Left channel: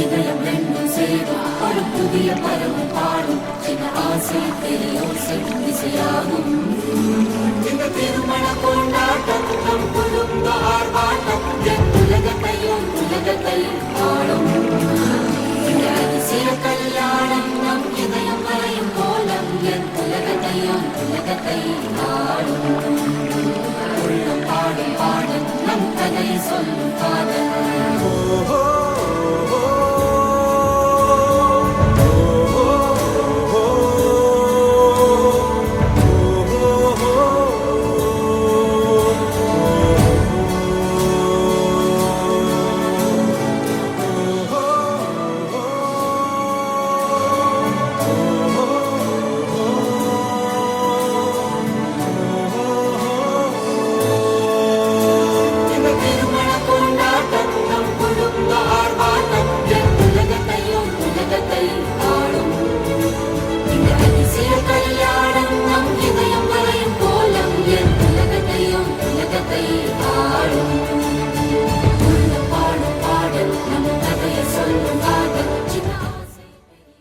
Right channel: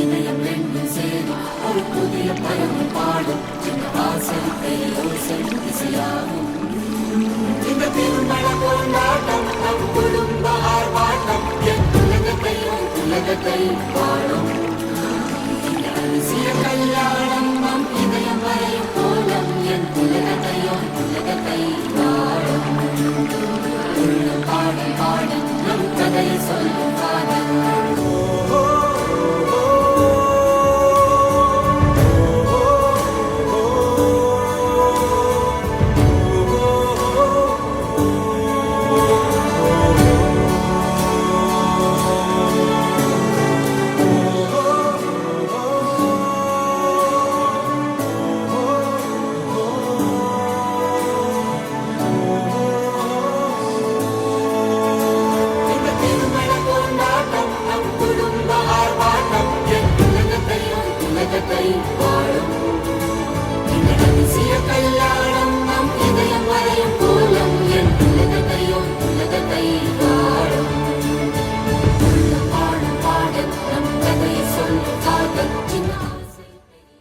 இணையம் ரெண்டும் சேரும் ஒரு புதிய பறவை பாடும் இந்த ஆசை பேரோசை இசையாகும் இந்த திருமண கொண்டாட்டம் நம் குடும்ப ஆர்ப்பாட்டம் என் உலகத்தையும்